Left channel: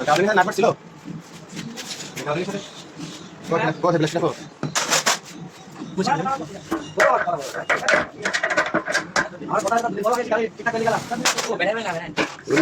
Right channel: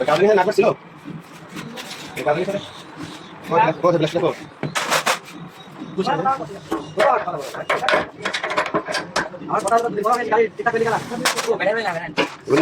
কালকে না ছিল কালকে স্যার কোথায় ব্লাশ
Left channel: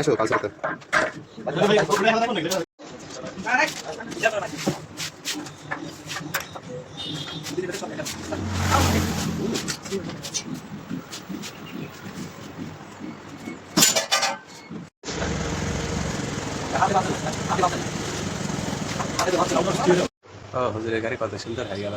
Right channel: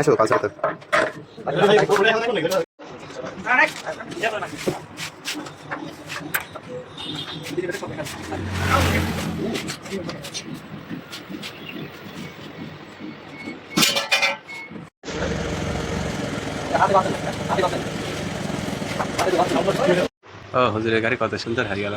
আসো কাল ও হুজুরের গাড়ি কত সুন্দর হয়ে গেল।